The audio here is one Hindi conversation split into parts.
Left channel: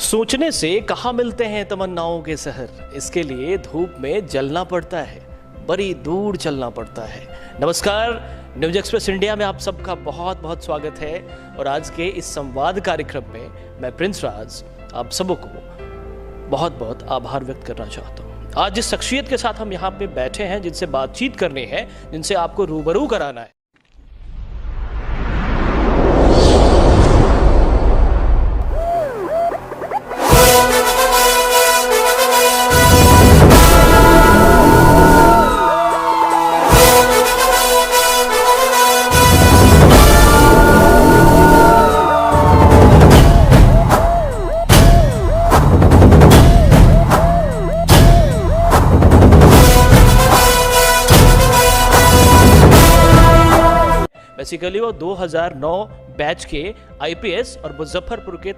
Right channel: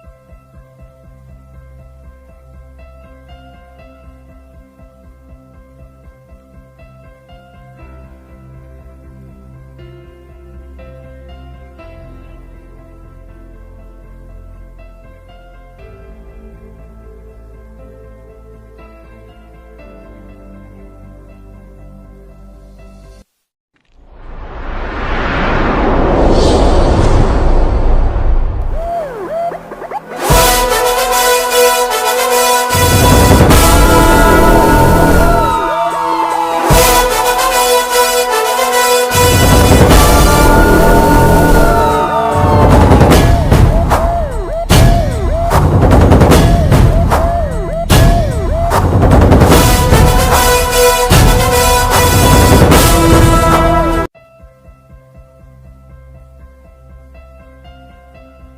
सोचने से कहाँ मिलते हैं तमन्नाओं के शहर, इसके लिए धूप में जलना पड़ता है, बड़ी दूर चलना पड़ता है। नमस्कार, न्यूज एक्सप्रेस इंडिया में आप सबका बहुत बहुत स्वागत है और आज के इस संवाद कार्यक्रम में मैं प्रिंस राज आप सबको बहुत बहुत आभार व्यक्त करना चाहता हूँ। आज जिस शख्सियत के साथ हम यहाँ पे बैठे हैं, जिनसे बातचीत करनी है, जिनसे आपको रूबरू कराना है, बेसिकली वो 2009 बैच के आईपीएस और मुजफ्फरपुर के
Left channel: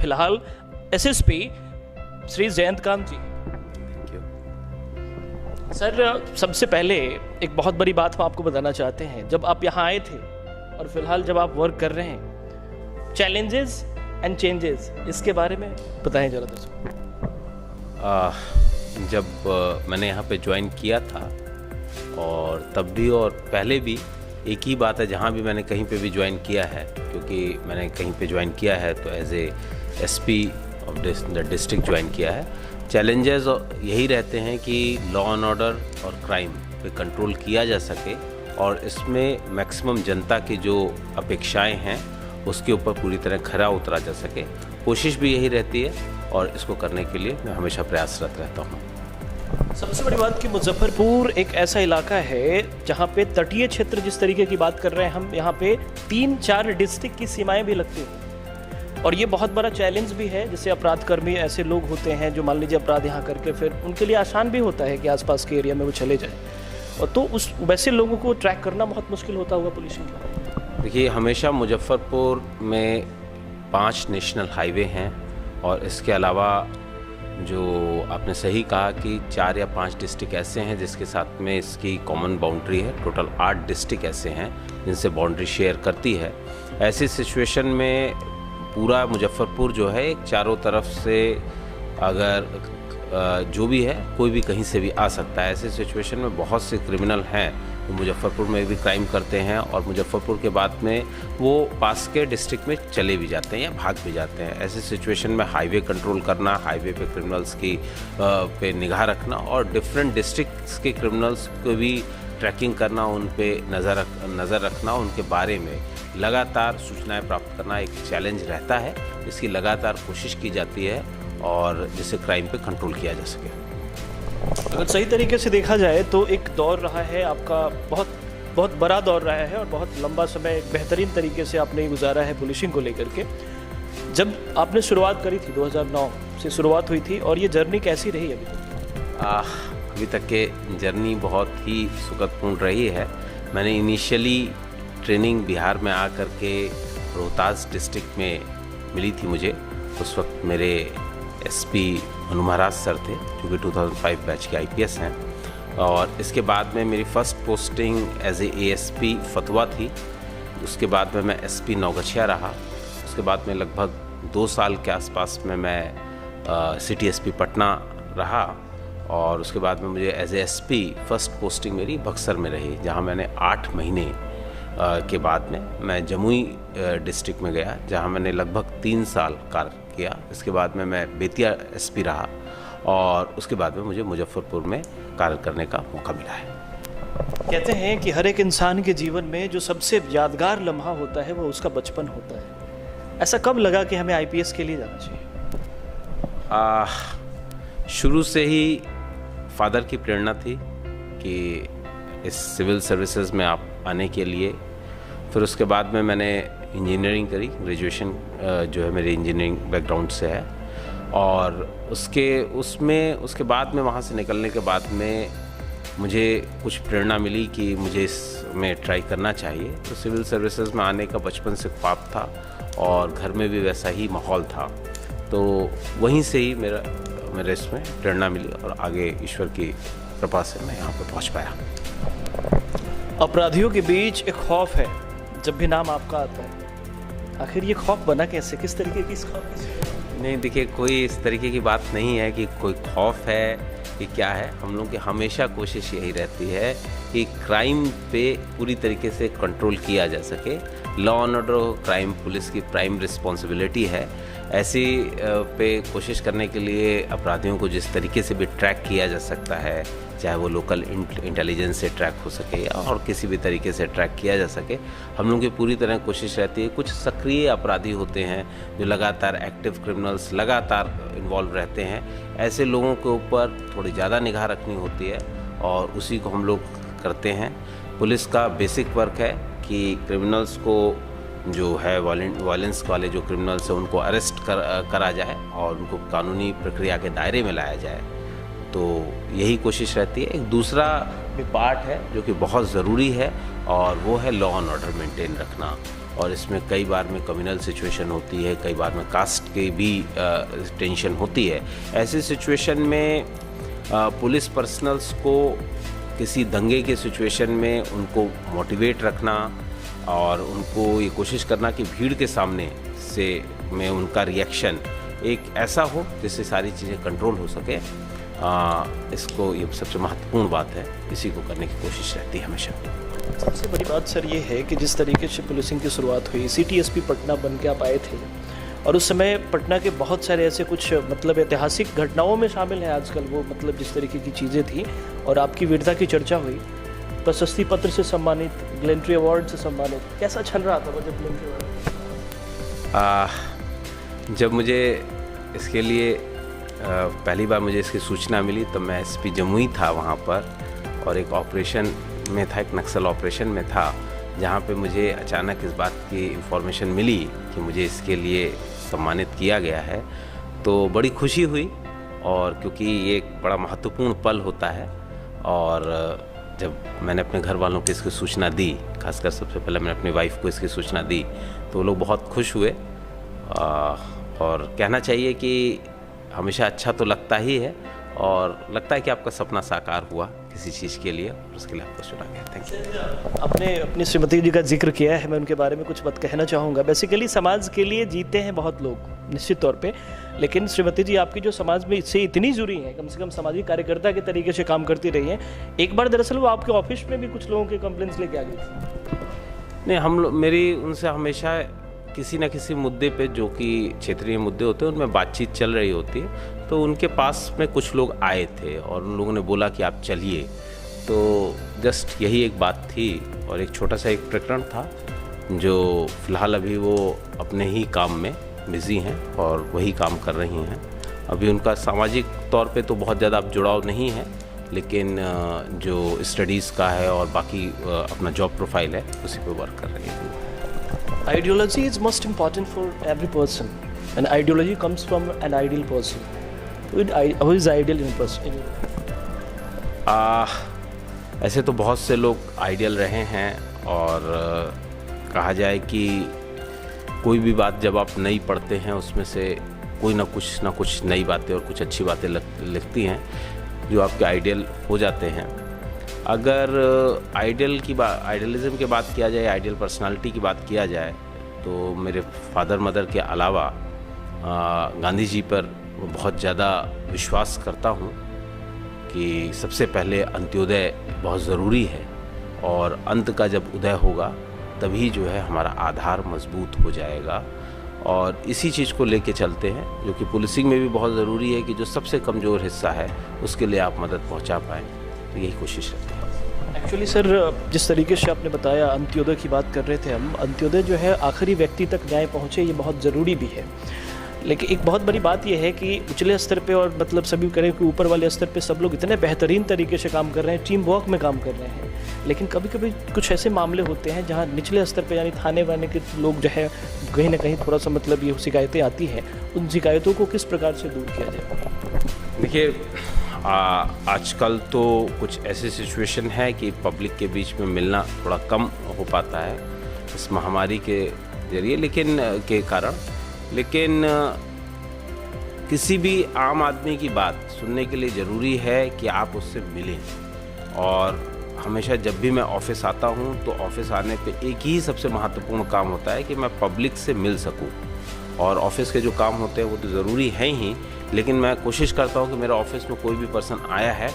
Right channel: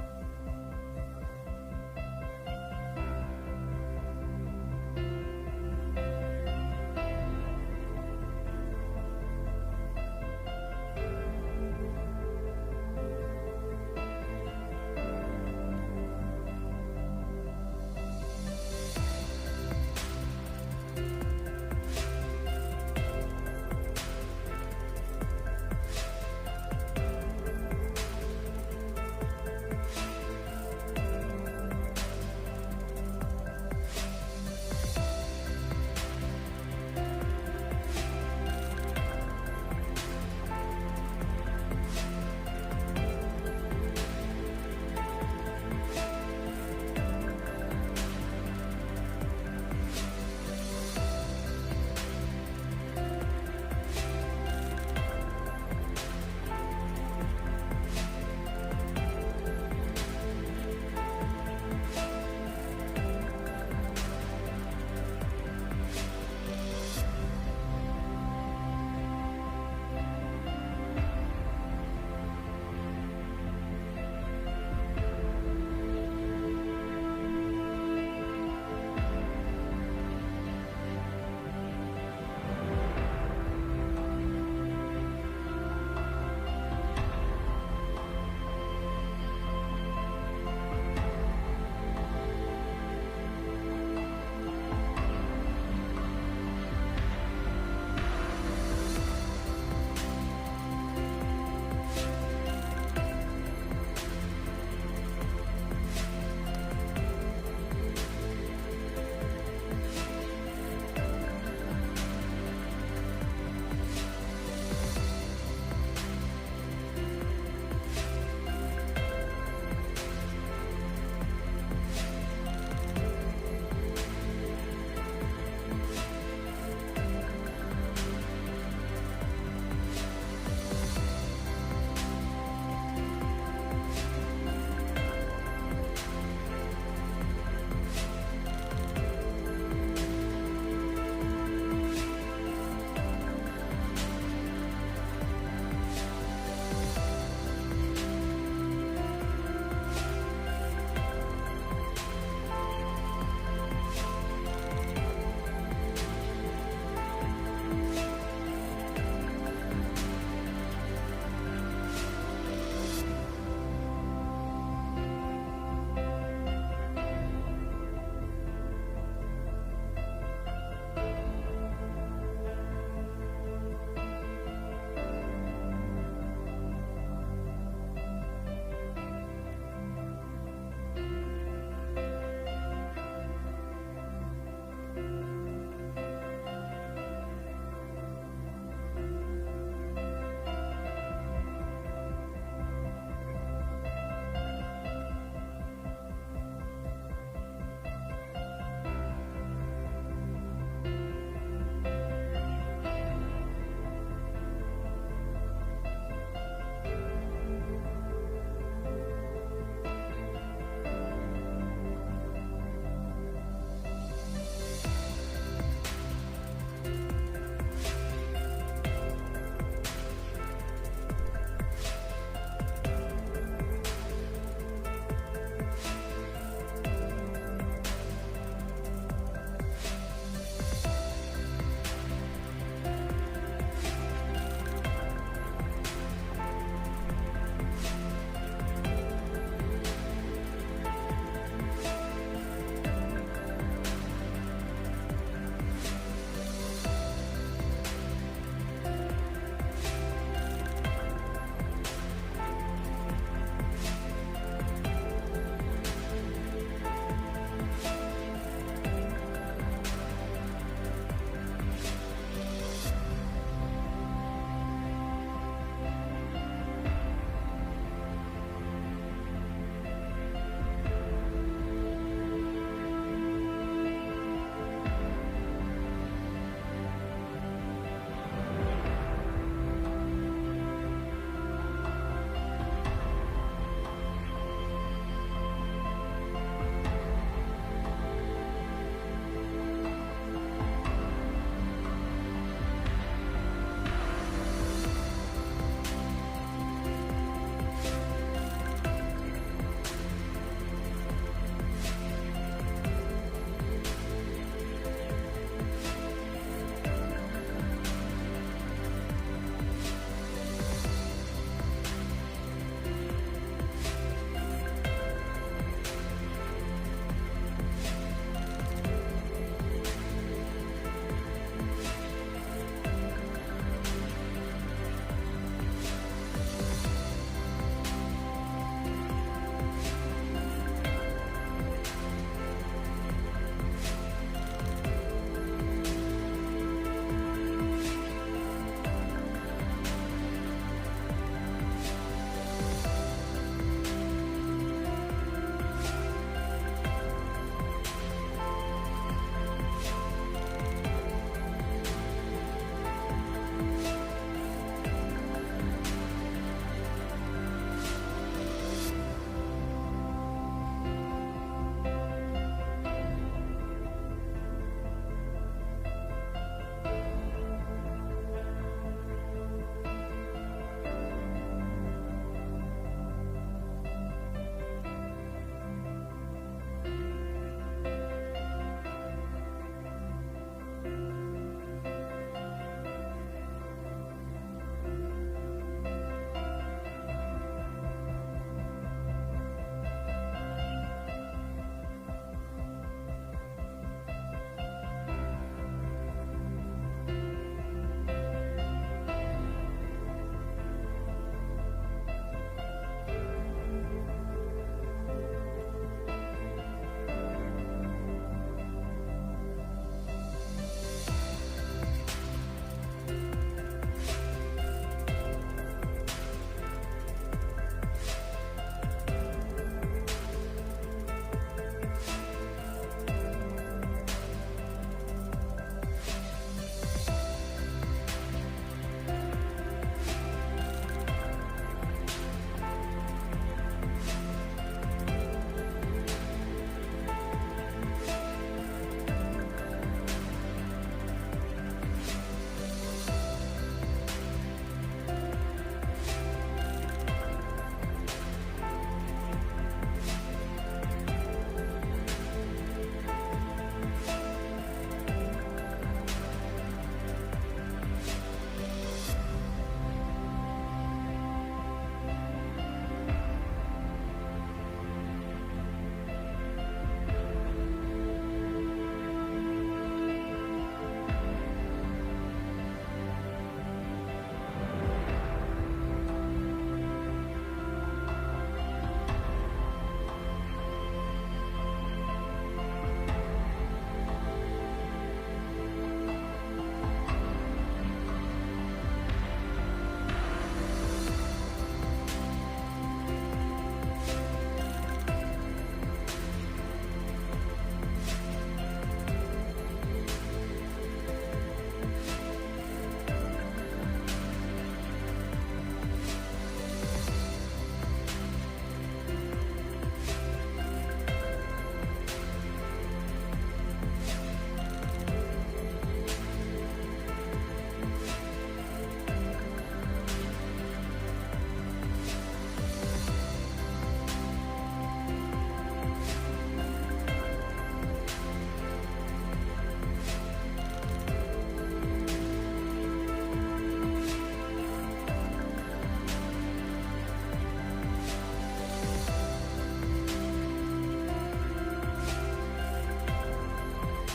फिलहाल एसएसपी श्री जयंतकांत जी। सर, सबसे पहले एक बहुत बड़ी बात हम आपको बताना चाहते हैं। जब आप यहाँ आए थे और फिलहाल जब आप वर्क कर रहे हैं, चैलेंजेस एंड चेंजेस, इसके बारे में बताएं जरा दोस्तों। जब मैंने यहाँ पे ज्वाइन किया था और तब भी और पहले भी एक ही बात है, जहाँ भी मैंने कहीं पे भी ज्वाइन किया है, क्योंकि मैंने कहीं पे ज्वाइन किया है तो as a SP of the district join किया है। चैलेंजेस यही रहते हैं कि लॉ एंड ऑर्डर और क्राइम पे कंट्रोल किया जा सके और इसमें मैक्सिमम जनता की जो अपेक्षाएं हैं उसके ऊपर पूरी तरह खरा उतरा जा सके। कोशिश भी यही रहती है और इसको करने के लिए मैं हमेशा प्रयासरत रहता हूँ। सबसे बड़ी बात कि मुजफ्फरपुर एक ऐसा इलाका है जहाँ पे तटीय क्षेत्र, जिस तरीके की बात कर रहे हैं हम, यहाँ पे 3-4 डिस्ट्रिक्ट की सीमाएं भी लगती हैं और ये बहुत बड़ा चैलेंज भी है। जैसे अपराधकर्मी ऐसे लोग होते हैं जो मान लीजिए अपराध यहाँ करके फिर उनके लिए आसान भी होता है कि आसपास के एरिया में वो चले जाए, और तो उस वैसे लोगों को ट्रैक करना बहुत मुश्किल होता होगा पुलिस को। देखिए, हमेशा मुजफ्फरपुर में 5 नेशनल हाईवे हैं और इसके अलावा जो आपने सही कहा कि 4 या 5 डिस्ट्रिक्ट ऐसे हैं जिसके साथ में इसकी कॉमन बाउंड्री है। टोटल 8 डिस्ट्रिक्ट ऐसे हैं जिनसे बाउंड्री शेयर करती है। ऐसी सिचुएशन में पूरा मुजफ्फरपुर जो है चारों तरफ से अगर जो भी है कोई भी कहीं से भी आ सकता है। ऐसे सिचुएशन में बहुत से क्रिमिनल हैं तो मुजफ्फरपुर में भी क्राइम करते हैं और मुजफ्फरपुर के बाद में वो पास के डिस्ट्रिक्ट में चले भी जाते हैं या भाग भी जाते हैं। ऐसे सिचुएशन में हाईवे कंट्रोल करना, हाईवे पे क्रिमिनल्स की पे निगाह रखना और डिफरेंट डिस्ट्रिक्ट्स के क्रिमिनल्स को भी ट्रैकिंग करना, उन पे नज़र रखना, उनके बारे में लगातार सूचनाएं प्राप्त करना एक चैलेंज रहता है। इसकी लगातार कोशिश की जाती है और जिससे क्राइम पे कंट्रोल किया जा सके। अगर सही तरीके से देखा जाए तो एक दौर रहा है आपका, बहुत बड़ा दौर रहा है और बहुत लंबा समय बेहतरीन तरीके से आपने गुजारा है पुलिसिंग को लेकर के। जब आपने शुरुआत करी थी 2009 से शुरुआत हुई थी, और ये जर्नी कैसी रही अभी तक के जर्नी बहुत ही सुखदपूर्ण रही है। मैंने इनिशियली ट्रेनिंग बिहार में आकर के रोहतास डिस्ट्रिक्ट में मिली थी मुझे। उस वक्त मेरे एसपी मनु महाराज सर थे जो कि 2005 बैच के आईपीएस हैं, और इसके बाद में मेरी first posting as a ASP Fatuha थी। उसके बाद में मैं एसपी नौगछिया रहा। उसके बाद में लगभग 2 साल के आसपास में मैं सिटी एसपी पटना रहा और उसके बाद में मुझे as a SP first posting मेरी बक्सर में रही, जहां मैंने 8 महीने के बाद में मैं जमुई डिस्ट्रिक्ट में गया, जहां मैंने लगभग 3 साल कार्य किया। इसके बाद में मैं बेतिया एसपी रहा और उसके बाद में मुझे मुजफ्फरपुर में कार्य करने का मौका मिला है। कहते हैं कि हर एक इंसान के जीवन में जो सबसे यादगार लम्हा होता है वो उसका बचपन होता है। ऐसा कब लगा कि हमें आईपीएस के लिए जाना चाहिए? शुरू से ही फादर की प्रेरणा थी कि इस सिविल सर्विसेज में आप आने के लिए। फिर उसके बाद में मैंने इंजीनियरिंग करी, ग्रेजुएशन जो है मेरी इंजीनियरिंग बैकग्राउंड से है, और उसके बाद में वहाँ से निकलने के बाद में मुझे कुछ प्रेरणा मिली कि मुझे इसमें ट्राई करना चाहिए। तो सिविल सर्विसेज में आने का बचपन से ख्वाब था और घर में भी वैसा ही माहौल था, तो वहीं से ही मेरे इसमें प्रेरणा मिली और आगे ईश्वर की कृपा से मैं यहाँ पर पहुँच पाया। अपराधियों के बीच एक खौफ है जब भी नाम आपका आता है, आखिर ये खौफ बना कैसे, किस तरीके की इस खौफ? नहीं देखिए, कोई इस तरीके की बात नहीं है कि कोई खौफ है कि क्या है। हम लोग की हमेशा कोशिश यही रहती है कि क्राइम पे पूरी तरीके से कंट्रोल किया जा सके। Law and order crime police की प्राइम रिस्पॉन्सिबिलिटी है। ऐसी पे कोशिश करने के लिए अपराधियों को जिस तरीके से भी ट्रैक किया जा सकता है, चाहे वो लोकल इंटेलिजेंस से ट्रैक हो सके और किसी भी तरीके से ट्रैक किया जा सके, हम लोगों की पूरी तरह कोशिश रहती है। कुछ सक्रिय अपराधी होते हैं जो लगातार एक्टिव क्रिमिनल्स लगातार इन्वॉल्व रहते हैं, ऐसे लोगों के ऊपर थोड़ी ज़्यादा निगाह रखनी होती है और उसी को हम लोग करते हैं। पुलिस का बेसिक वर्क है कि क्रिमिनल्स को जो है वायलेंस वाले जो क्रिमिनल्स हैं उनको अरेस्ट करा जाए और उनको कानूनी प्रक्रिया के दायरे में लाया जाए, तो यही कोशिश रहती है। एक दूसरा भी पार्ट है जो कि बहुत ज़रूरी है और वो है लॉ एंड ऑर्डर मेंटेन रखना। और इसमें कई बार में कम्युनल सिचुएशन होती है, कई बार में कास्ट की भी टेंशन होती है। ऐसी सिचुएशन में पुलिस पर्सनल्स को किसी दंगे के सिचुएशन में उनको मोटिवेट रखना और उनको ये कोशिश करना कि भीड़ के सामने से में उनका रिएक्शन एक ऐसा हो जिससे सारी चीज़ें कंट्रोल हो सके। इसको ये सबसे महत्वपूर्ण बात है, इसी को करने की कोशिश रहती है हमेशा। सबसे बड़ी बात सर ये है कि जिस तरीके से पुलिसिंग की शुरुआत हुई, सिटी एसपी पटना बन के आप आए थे और उस समय पटना के बहुत सारे ऐसे कुछ मतलब ऐतिहासिक घटनाओं में शामिल है आजकल वो, मतलब जिस तरीके की चीज़ें थी और आपकी वीरता की चर्चा हुई, प्रशस्ति पत्र से सम्मानित, ग्लेंट्री अवार्ड से सम्मानित, कैसा चल रहा था वो जब ग्लेंट्री अवार्ड? जब मुझे इसके लिए पहली बार मुझे इसकी सूचना मिली तो मैं एसपी जमुई था वहाँ पर और एक ऑपरेशन में था, एक नक्सल ऑपरेशन में था, जहाँ पे मुझे अचानक इस बात की इन्फॉर्मेशन मिली कि मुझे इसके लिए सम्मानित किया गया है, तो बड़ी खुशी हुई। और क्योंकि ये एक बड़ा महत्वपूर्ण पल होता है और जब मैंने अपने घर वालों को इसकी सूचना दी, खासकर सबसे पहले मैंने अपनी वाइफ को इसकी सूचना दी, तो वो लोग बहुत खुश हुए। और कहना चाहिए कि हमेशा अच्छा तो लगता ही है और लगता है कि आपका सपना साकार हुआ किसी चीज़ के लिए, और उसके लिए आपको चुना गया। Thank you. आपने अपनी श्रीमती जी का जिक्र किया है, मैं उनके बारे में कुछ बात कहना चाहूँगा। बेसिकली समाज के लिए जीते हैं बहुत लोग निश्चित तौर पे, लेकिन श्रीमती जी आपकी जो समाज में इससे इतनी जुड़ी हैं, कम से कम सामाजिक कार्यकर्ता के तरीके से काम करती रही हैं। एक बार दरअसल वो आपके ऑफिस में भी कुछ लोगों के कंप्लेंट्स लेके आ गई थी। नहीं, मेरी उनसे हमेशा किसी न किसी मुद्दे पे जो कि क्षेत्रीय मुद्दे होते हैं उनमें बातचीत चल रही होती है, तो उनके पास में कुछ लोग आए थे और उन लोगों ने बोला कि आप चलिए, तो जस्ट यही एक बात थी। और एक छोटा सा एक प्रकरण था जो फ़िलहाल अभी वो अपने ही काम में बिज़ी हैं और वही काम कर रही हैं। अभी उनका सामाजिक तौर पे तो बहुत ज़्यादा अब जुड़ाव नहीं है, लेकिन जो स्टडीज़ का है और बाकी अपना जॉब प्रोफाइल है उसी पे वर्क कर रही है। Ideology is most important for every person, and ideology comes from an ideal person. Who is ideal in a person? ऐसे तो बहुत से लोग आइडियल रहे हैं और कहा जाए कि कोई भी बात जब आप नई पढ़ते हैं उसमें से कोई ना कुछ नई बातें और कुछ अच्छी बातें लिखती हैं जो आपके आइडियल हो जाते हैं। अगर आइडियलिज्म की बात किया जाए, आइडियल पर्सनालिटी की बात किया जाए, तो मेरे फादर मदर के अलावा गांधी जी पर बहुत ज़्यादा विश्वास करता हूँ कि सबसे पहले अंत्योदय बहुत ज़रूरी है और अंत का जब उदय होगा तभी जो है हमारा आधार मजबूत हो जाएगा। और इसी चीज़ को लेके चलते हैं, जो कि पुलिसिंग में भी बहुत ज़रूरी है कि जो सबसे कमज़ोर हिस्सा है उसके लिए आप मदद पहुंचा पाएँ, तो यही कोशिश रहती है। एक्चुअली सर, जिस तरीके से आपने बताया अंत्योदय की बात कर रहे थे हम, अंत्योदय जो है आखिरी व्यक्ति तक न्याय पहुँचे, ये बहुत ज़रूरी भी है। लेकिन एक बहुत बड़ी बात यह है कि उचले स्तर पे और मतलब सभी करें कि ऊपर वाले स्तर पे सब लोग इतने बेहतरीन तरीके से काम कर रहे हैं, टीम वर्क में काम कर रहे हैं, लेकिन कभी कभी कुछ ऐसे मामले होते हैं जहां निचले स्तर पे यानी थाने वाने के लोग जो है कहीं ना कहीं थोड़ा सा मतलब ये शिकायतें आती हैं, उन शिकायतों को किस प्रकार से दूर किया जाए? देखिए, आजकल तो कुछ ऐसी सिचुएशन है कि पब्लिक के बीच में मिलना थोड़ा कम हो पाता है इस महामारी के जरिए के कारण, लेकिन किसी भी आम आदमी की बात सुनने के लिए ज़रूरी है कि आप उससे मिलें। और हमेशा जब भी मैं ऑफिस आता हूँ तो ऑफिस आने पे एक ही सबसे महत्वपूर्ण काम होता है कि मैं पब्लिक से मिल सकूँ और ऑफिस के जो काम होते हैं वो तो ज़रूरी है ही, लेकिन मैं कोशिश करता हूँ कि मेरा ऑफिस में कोई भी पर्सन आया है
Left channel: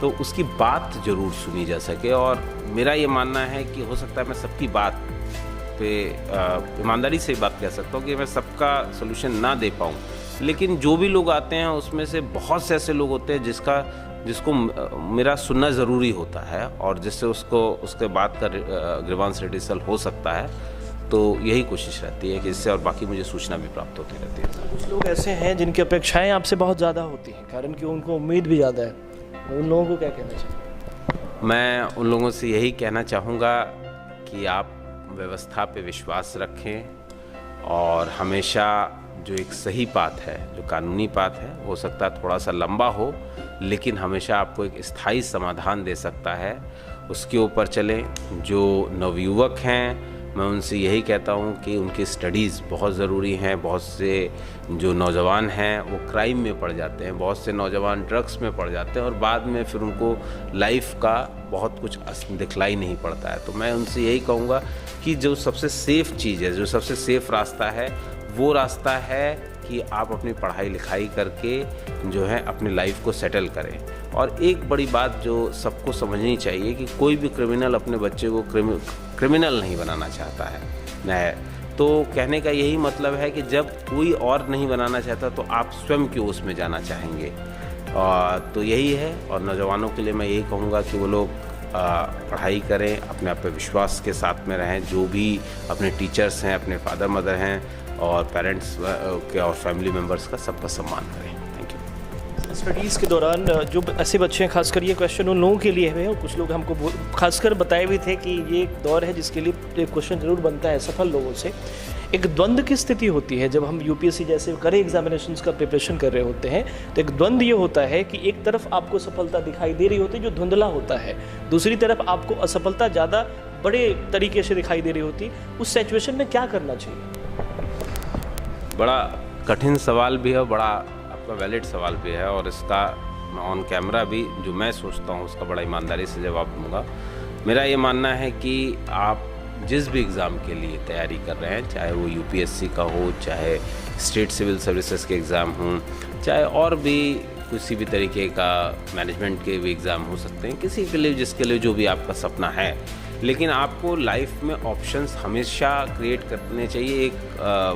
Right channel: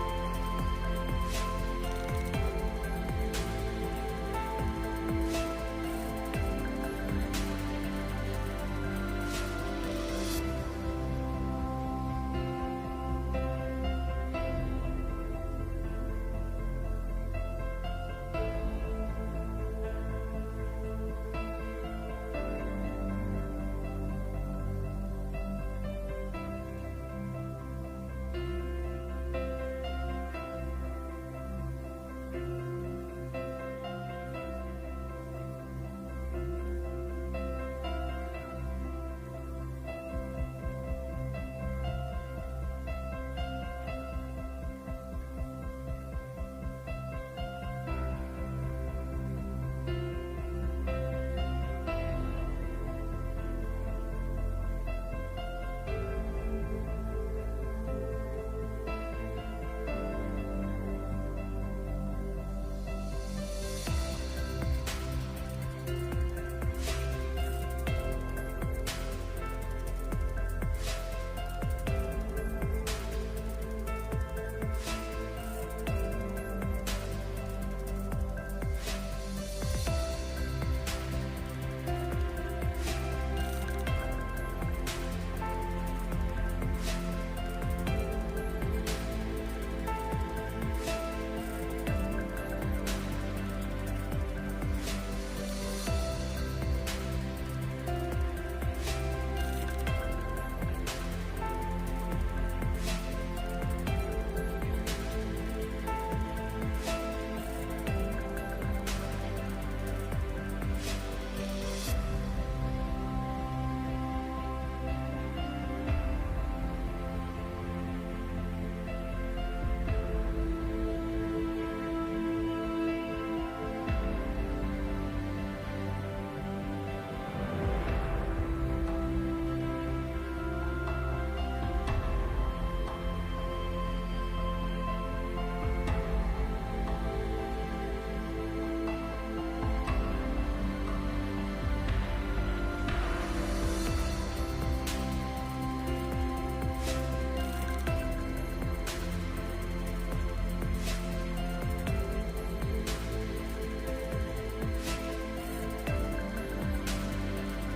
तो उसकी बात ज़रूर सुनी जा सके। और मेरा ये मानना है कि हो सकता है मैं सबकी बात पे ईमानदारी से बात कह सकता हूँ कि मैं सबका सोल्यूशन ना दे पाऊँ, लेकिन जो भी लोग आते हैं उसमें से बहुत से ऐसे लोग होते हैं जिसको मेरा सुनना ज़रूरी होता है और जिससे उसके बाद का ग्रीवांस रिड्यूसल हो सकता है। तो यही कोशिश रहती है कि इससे और बाकी मुझे सूचना भी प्राप्त होती रहती है। कुछ लोग ऐसे हैं जिनकी अपेक्षाएं आपसे बहुत ज़्यादा होती हैं, कारण कि उनको उम्मीद भी ज़्यादा है, उन लोगों को क्या कहना चाहिए? मैं उन लोगों से यही कहना चाहूँगा कि आप व्यवस्था पे विश्वास रखें और हमेशा जो एक सही बात है, जो कानूनी बात है, हो सकता है थोड़ा सा लंबा हो, लेकिन हमेशा आपको एक स्थायी समाधान दे सकता है, उसके ऊपर चलें। जो नवयुवक हैं मैं उनसे यही कहता हूँ कि उनकी स्टडीज़ बहुत ज़रूरी हैं। बहुत से जो नौजवान हैं वो क्राइम में पड़ जाते हैं, बहुत से नौजवान ड्रग्स में पड़ जाते हैं और बाद में फिर उनको लाइफ का बहुत कुछ दिखलाई नहीं पड़ता है। तो मैं उनसे यही कहूँगा कि जो सबसे सेफ़ चीज़ है, जो सबसे सेफ़ रास्ता है, वो रास्ता है कि आप अपनी पढ़ाई लिखाई करके जो है अपनी लाइफ को सेटल करें। और एक बड़ी बात जो सबको समझनी चाहिए कि कोई भी क्रिमिनल अपने बच्चे को क्रिमिनल नहीं बनाना चाहता है। तो कहने का यही मतलब है कि जब कोई और नहीं बनाना चाहता तो आप स्वयं क्यों उसमें जाना चाहेंगे। तो यही है। और नौजवानों के लिए मैं यही कहूँगा कि वो लोग पढ़ाई करें, अपने आप पे विश्वास के साथ में रहें, जो भी अपने टीचर्स हैं, अपने फादर मदर हैं और पेरेंट्स के और फैमिली मेम्बर्स का सबका सम्मान करें। Thank you. स्टडीज़ के दौरान जो ऐसे बच्चे हैं, खासकर ये क्वेश्चन उन लोगों के लिए है, और कुछ लोग हमको खासकर बताए भी थे कि ये एक दौर है जिसके लिए एक क्वेश्चन ज़रूर बनता है सफल लोगों से। एक द्वंद्व की स्थिति होती है जब हम यूपीएससी जैसे कड़े एग्जामिनेशंस का प्रिपरेशन कर रहे होते हैं, तो एक द्वंद्व ये होता है कि एक तरफ आपको सफलता दिखाई दे रही होती है जो धुंधला होता है, दूसरी तरफ आपको असफलता ज़्यादा बड़े तरीके से दिखाई दे रही होती है। उस सिचुएशन में क्या करना चाहिए? बड़ा कठिन सवाल भी है, बड़ा आपका वैलिड सवाल भी है और इसका ऑन कैमरा भी जो मैं सोचता हूँ उसका बड़ा ईमानदारी से जवाब दूंगा। मेरा ये मानना है कि आप जिस भी एग्ज़ाम के लिए तैयारी कर रहे हैं, चाहे वो यूपीएससी का हो, चाहे स्टेट सिविल सर्विसेज के एग्ज़ाम हों, चाहे और भी किसी भी तरीके का मैनेजमेंट के भी एग्ज़ाम हो सकते हैं, किसी के लिए जिसके लिए जो भी आपका सपना है, लेकिन आपको लाइफ में ऑप्शंस हमेशा क्रिएट करने चाहिए। एक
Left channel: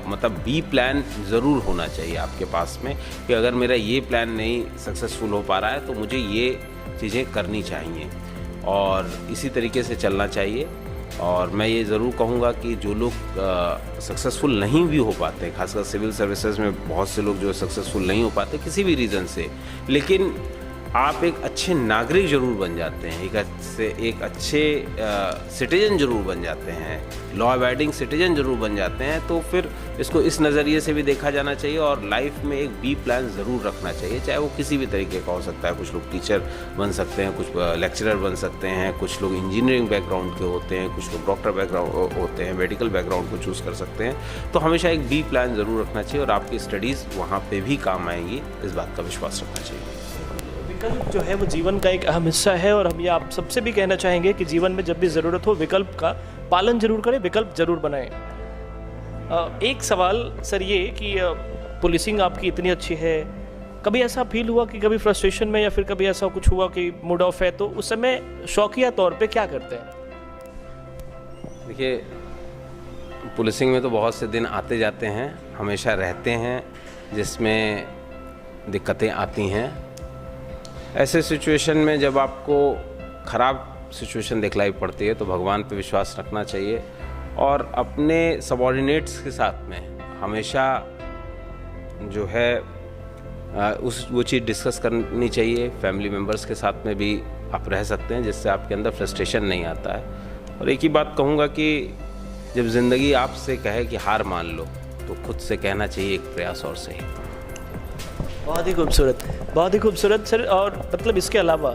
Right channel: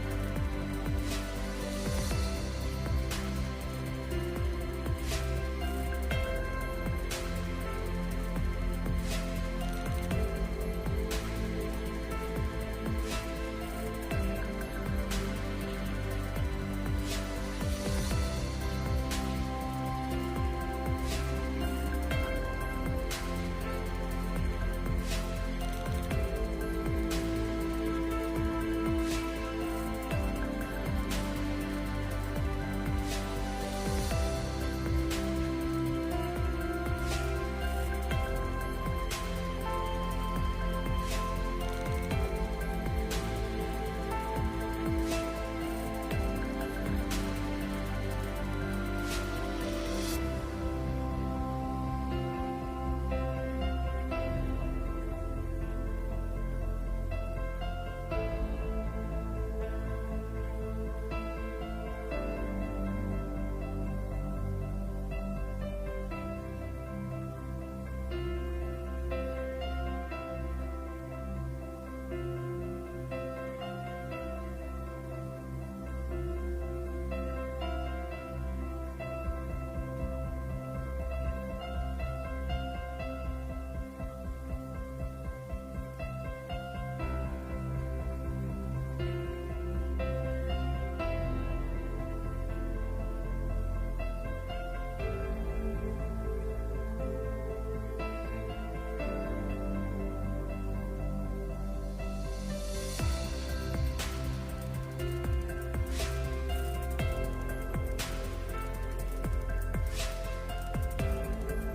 मतलब बी प्लान ज़रूर होना चाहिए आपके पास में कि अगर मेरा ये प्लान नहीं सक्सेसफुल हो पा रहा है तो मुझे ये चीज़ें करनी चाहिए और इसी तरीके से चलना चाहिए। और मैं ये ज़रूर कहूँगा कि जो लोग सक्सेसफुल नहीं भी हो पाते, खासकर सिविल सर्विसेज में बहुत से लोग जो सक्सेसफुल नहीं हो पाते किसी भी रीज़न से, लेकिन आप एक अच्छे नागरिक ज़रूर बन जाते हैं, एक अच्छे सिटीजन ज़रूर बन जाते हैं, लॉ अबाइडिंग सिटीजन ज़रूर बन जाते हैं, तो फिर इसको इस नज़रिए से भी देखा जाना चाहिए और लाइफ में एक बी प्लान ज़रूर रखना चाहिए, चाहे वो किसी भी तरीके का हो सकता है। कुछ लोग टीचर बन सकते हैं, कुछ लेक्चरर बन सकते हैं, कुछ लोग इंजीनियरिंग बैकग्राउंड के होते हैं, कुछ लोग डॉक्टर बैकग्राउंड होते हैं, मेडिकल बैकग्राउंड को चूज़ कर सकते हैं। तो हमेशा एक बी प्लान ज़रूर रखना चाहिए और आपकी स्टडीज़ वहाँ पर भी काम आएंगी, इस बात का विश्वास रखना चाहिए। विकल्प जो है वो जीवन का एक अहम हिस्सा है और हम ये आप सबसे भी कहना चाहेंगे कि जीवन में जब भी ज़रूरत हो विकल्प का पालन जरूर करें, विकल्प जरूर बनाएं। एक सवाल सर ये कि पुलिसिंग आपकी इतनी अच्छी है, कभी ऐसा फील हुआ कि कभी फ्रस्ट्रेशन में या फिर कभी ऐसा कुछ हुआ कि मूड ऑफ है, तो उस समय शौकिया तौर पे क्या करते हैं? देखिए, पुलिसिंग में तो बहुत से दिन आते जाते हैं, हमेशा रहते हैं जिसमें दिक्कतें आती हैं। ऐसे सिचुएशन में जब आपको ख़राब सिचुएशन दिखलाई पड़ती है तो भगवान पे विश्वास रखना चाहिए और अपने सबॉर्डिनेट्स के साथ में हमेशा जो है वो चीज़ डिस्कस करनी चाहिए। फैमिली मेम्बर्स के साथ में भी आप रह सकते हैं जिससे आपके अंदर फ्रस्ट्रेशन नहीं आता है। और एक ही बात कहूँगा कि जब ज़िंदगी आपसे कहे कि हार मान लो तो खुद से कहना चाहिए एक प्रयास और सही। बहुत ही खूबसूरत, बहुत ही खूबसूरत सर। और मतलब इसके अलावा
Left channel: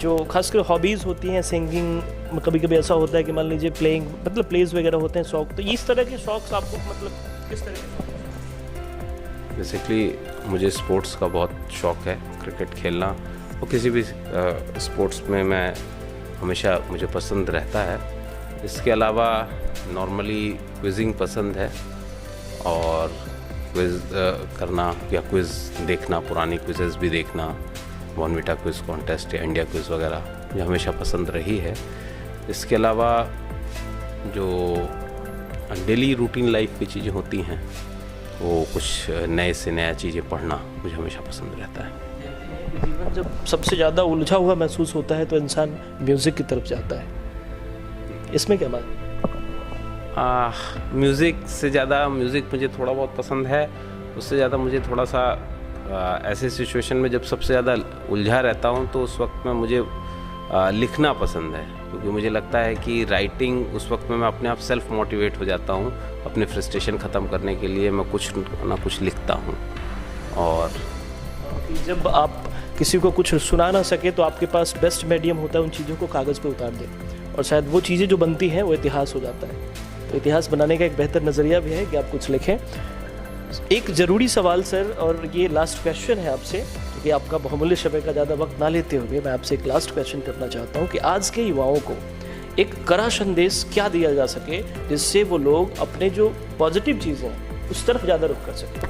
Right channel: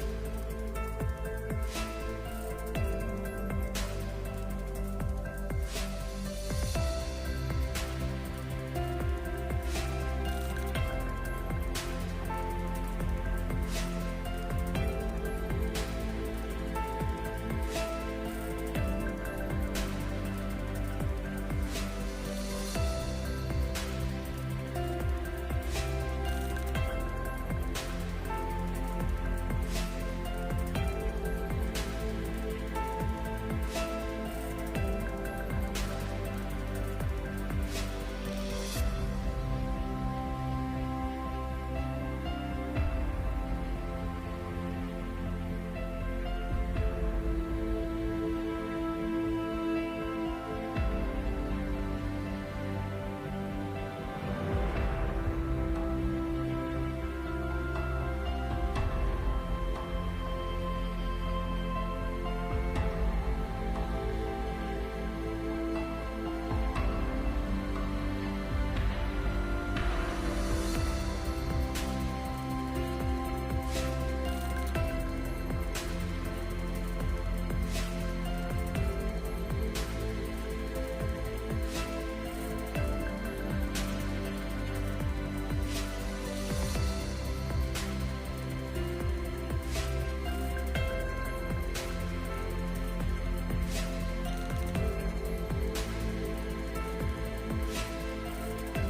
जो खासकर हॉबीज़ होती हैं, सिंगिंग, कभी कभी ऐसा होता है कि मान लीजिए प्लेइंग, मतलब प्लेज वगैरह होते हैं शौक, तो इस तरह के शौक आपको मतलब किस तरह के? बेसिकली मुझे स्पोर्ट्स का बहुत शौक़ है, क्रिकेट खेलना और किसी भी स्पोर्ट्स में मैं हमेशा मुझे पसंद रहता है। इसके अलावा नॉर्मली क्विजिंग पसंद है और क्विज़ करना या क्विज़ देखना, पुरानी क्विज़ेस भी देखना, बॉर्नविटा क्विज़ कॉन्टेस्ट या इंडिया क्विज़ वगैरह, ये हमेशा पसंद रही है। इसके अलावा जो डेली रूटीन लाइफ की चीज़ें होती हैं, वो कुछ नए से नया चीज़ें पढ़ना मुझे हमेशा पसंद रहता है। जीवन जब सबसे ज़्यादा उलझा हुआ महसूस होता है तो इंसान म्यूज़िक की तरफ जाता है, इसमें क्या बात? म्यूज़िक से ज़्यादा, म्यूज़िक मुझे थोड़ा बहुत पसंद है, उससे ज़्यादा मुझे थोड़ा सा ऐसे सिचुएशन में जब सबसे ज़्यादा उलझा रहता हूँ तो उस वक्त में मुझे लिखना पसंद है, क्योंकि मुझे लगता है कि राइटिंग उस वक्त में मैं अपने आप सेल्फ मोटिवेट हो जाता हूँ। अपने फ्रस्ट्रेशन ख़त्म करने के लिए मैं कुछ ना कुछ लिखता हूँ। और जब आप किसी को कुछ सुना ना सके तो आपके पास बेस्ट मीडियम होता है उन चीज़ों को कागज़ पे उतार दें, और शायद वो चीज़ें जो बनती हैं वो इतिहास हो जाता है। तो इतिहास बनाने का एक बेहतर नज़रिया भी है कि आप कुछ लिखें। एक ज़रूरी सवाल सर, और ये लास्ट क्वेश्चन है आपसे, कि आपका बहुमूल्य समय का ज़्यादा वक्त ना लेते हुए मैं आपसे एक लास्ट क्वेश्चन करना चाहता हूँ कि आज के युवाओं को एक कड़ा संदेश क्या दिया जा सके जिससे वो लोग अपने जो पॉजिटिव चीज़ें हैं उस तरफ ज़्यादा रुख कर सकें?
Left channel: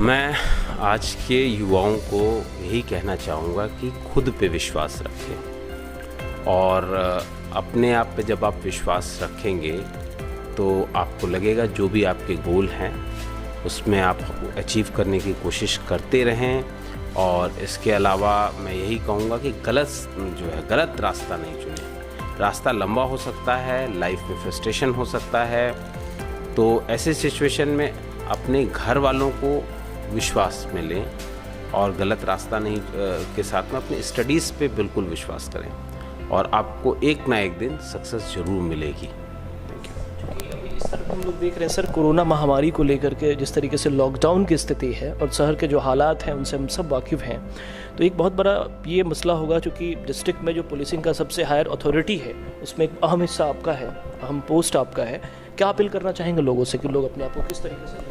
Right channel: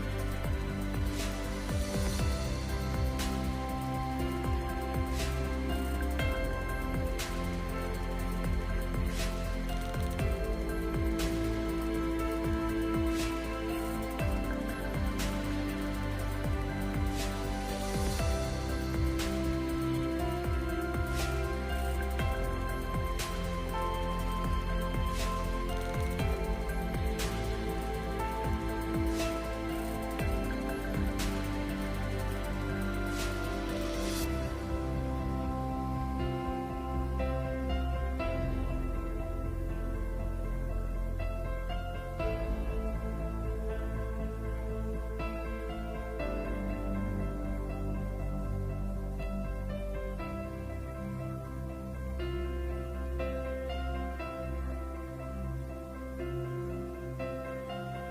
मैं आज के युवाओं को यही कहना चाहूँगा कि खुद पे विश्वास रखें, और अपने आप पे जब आप विश्वास रखेंगे तो आपको लगेगा जो भी आपके गोल हैं उसमें आप अचीव करने की कोशिश करते रहें। और इसके अलावा मैं यही कहूँगा कि गलत रास्ता नहीं चुनें। रास्ता लंबा हो सकता है, लाइफ में फ्रस्ट्रेशन हो सकता है, तो ऐसे सिचुएशन में अपने घर वालों को विश्वास में लें और गलत रास्ता नहीं के साथ में अपने स्टडीज़ पे बिल्कुल विश्वास करें, और आपको एक ना एक दिन सक्सेस ज़रूर मिलेगी। इस तरफ हम लोग देख रहे हैं सर, कोरोना महामारी को लेकर के जिस तरीके से लॉकडाउन की स्थिति है और शहर के जो हालात हैं उनसे हम सब वाकिफ़ हैं, तो एक बहुत बड़ा ये मसला होगा, क्योंकि डिस्ट्रिक्ट में जो पुलिसिंग का सबसे हायर अथॉरिटी है उसमें एक अहम हिस्सा आपका है, अहम पोस्ट आपका है। क्या अपील करना चाहेंगे लोगों से कि लोग अपने आप को किस तरीके से?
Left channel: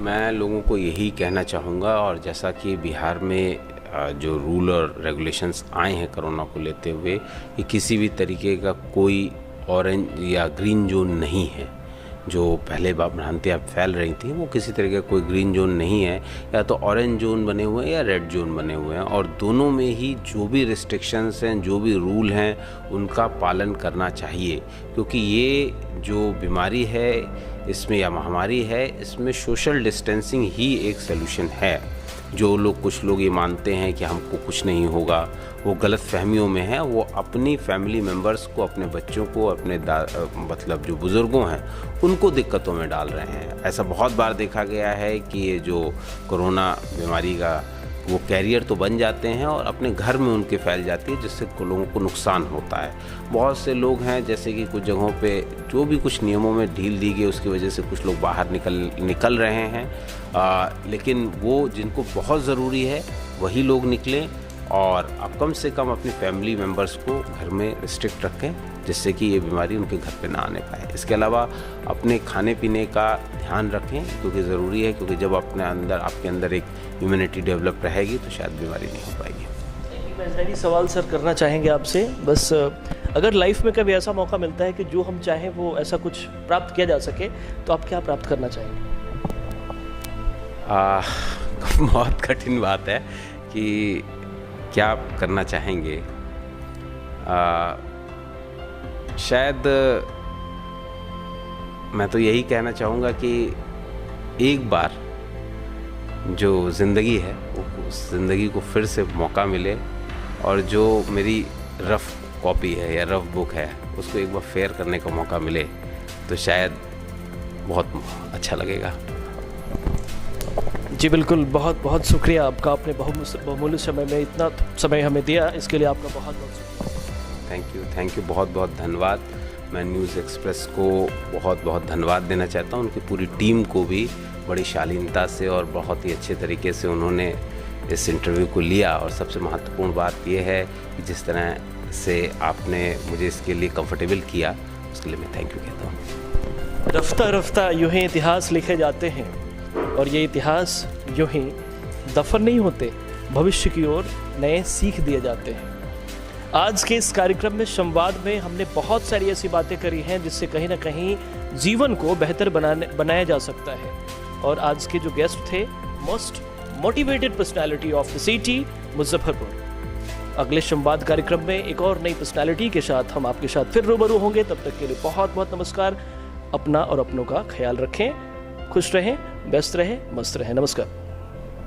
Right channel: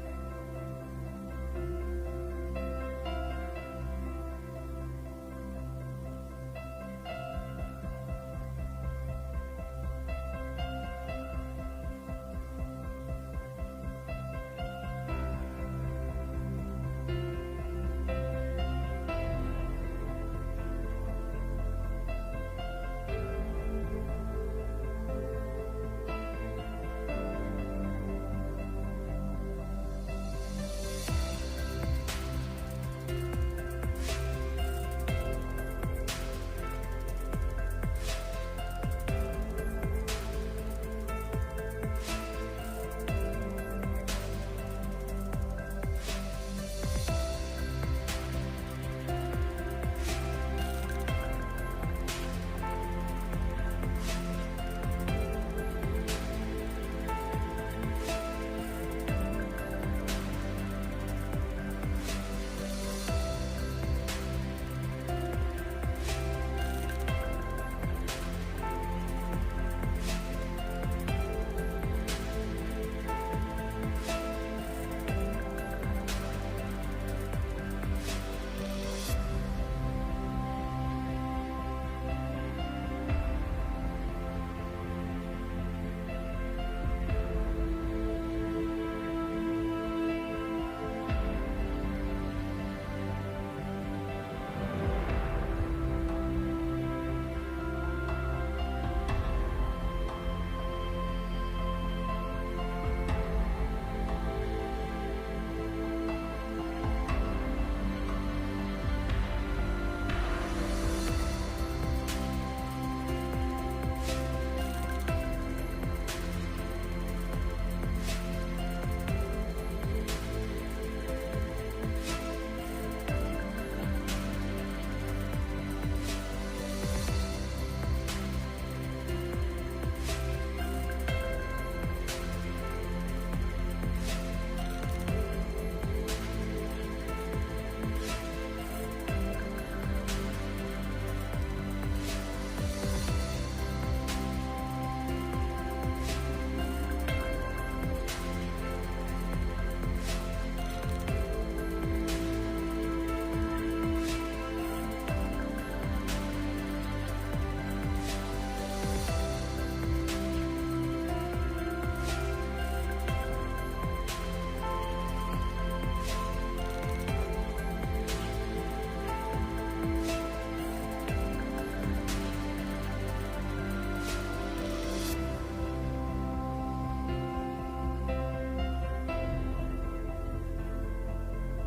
मैं लोगों को यही कहना चाहूँगा, और जैसा कि बिहार में जो रूल और रेगुलेशंस आए हैं कोरोना को लेते हुए, कि किसी भी तरीके का कोई ऑरेंज या ग्रीन जोन नहीं है। जो पहले भ्रांतियाँ फैल रही थी वो किसी तरीके का कोई ग्रीन जोन नहीं है, या तो ऑरेंज जोन बने हुए हैं या रेड जोन बने हुए हैं, और दोनों में ही जो भी रिस्ट्रिक्शंस हैं, जो भी रूल हैं, उनका पालन करना चाहिए। क्योंकि ये जो बीमारी है इसमें या महामारी है, इसमें सोशल डिस्टेंसिंग ही एक सलूशन है। कुछ लोग ये मानते हैं कि हमको कुछ नहीं होगा, वो गलत फहमियों में है। वो अपनी फैमिली मेम्बर्स को, अपने बच्चों को, अपने मतलब जो बुज़ुर्गों हैं उनको दिक्कतों में डाल रहे हैं। ऐसा बहुत बार देखा गया है कि ये जो कोरोना बीमारी का वो कैरियर तो बन जाते हैं और अपने घर में उनके फैल जाती है, जिससे लोगों को नुकसान होता है। बहुत से लोग हैं जैसे कि कुछ जगहों पे जो भी कुछ नियमों में ढील दी गई उसकी वजह से कुछ लोग बाहर निकल रहे हैं, लेकिन वो जिनको बहुत ज़रूरी है वही लोग निकलें, और आप कम से कम अपनी फैमिली मेम्बर्स को घर में स्ट्रिक्ट रखें, जिससे कि ये बीमारी उनके घर पे ना आने पाए। इसके अलावा अपने खाने पीने का ध्यान रखें, क्योंकि ज़रूरी है, क्योंकि जब आपके अंदर एक इम्यूनिटी डेवलप रहेगी तो शायद बीमारी नहीं हो पाएगी। मैं सवाल सर करना चाहेंगे आपसे, बस अगर लाइफ में कभी ऐसा मौका मिलता है कि जो हम चाहें वो ऐसा कुछ प्राप्त किया जा सके, तो आप क्या प्राप्त करना चाहेंगे? बहुत कठिन बात है कि क्या करना चाहेंगे। शायद मैं तो यही कहना चाहूँगा कि एक बार जो ज़िंदगी है उस ज़िंदगी को फिर से मौका मिले, और जो मेरी रफ़ कॉपी है या रफ़ बुक है उसको एक बार फेयर करने का मौका मिले तो शायद बहुत अच्छा लगेगा। जी बिल्कुल, बहुत बहुत शुक्रिया आपका, आपने बहुमूल्य समय में इतना समय हमें दिया, इसके लिए आपका बहुत बहुत शुक्रिया। थैंक यू, बहुत बहुत धन्यवाद। मैं न्यूज़ एक्सप्रेस को बहुत बहुत धन्यवाद देना चाहता हूँ, उनकी पूरी टीम को भी बड़ी शालीनता से और बहुत ही अच्छे तरीके से उन्होंने इस इंटरव्यू को लिया। और सबसे महत्वपूर्ण बात यह है कि जिस तरह से आपने मुझे इसके लिए कंफर्टेबल किया, उसके लिए मैं थैंक यू कहता हूँ। रफ्ता रफ्ता यूँ ही इतिहास लिखे जाते हैं, और ये इतिहास यूँ ही दफन नहीं होते, भविष्य की ओर नए सीख दिए जाते हैं। आज के इस कार्यक्रम में संवाद में हमने बहुत सारी ऐसी बातें करी हैं जिससे कहीं ना कहीं जीवन को बेहतर बनाया जा सकता है। और आज के जो गेस्ट थे, most motivated personality of the city Muzaffarpur. अगले संवाद कार्यक्रम में एक और नई पर्सनालिटी के साथ हम आपके साथ फिर रूबरू होंगे। तब तक के लिए बहुत बहुत नमस्कार। अपना और अपनों का ख्याल रखें, खुश रहें, व्यस्त रहें, मस्त रहें। नमस्कार।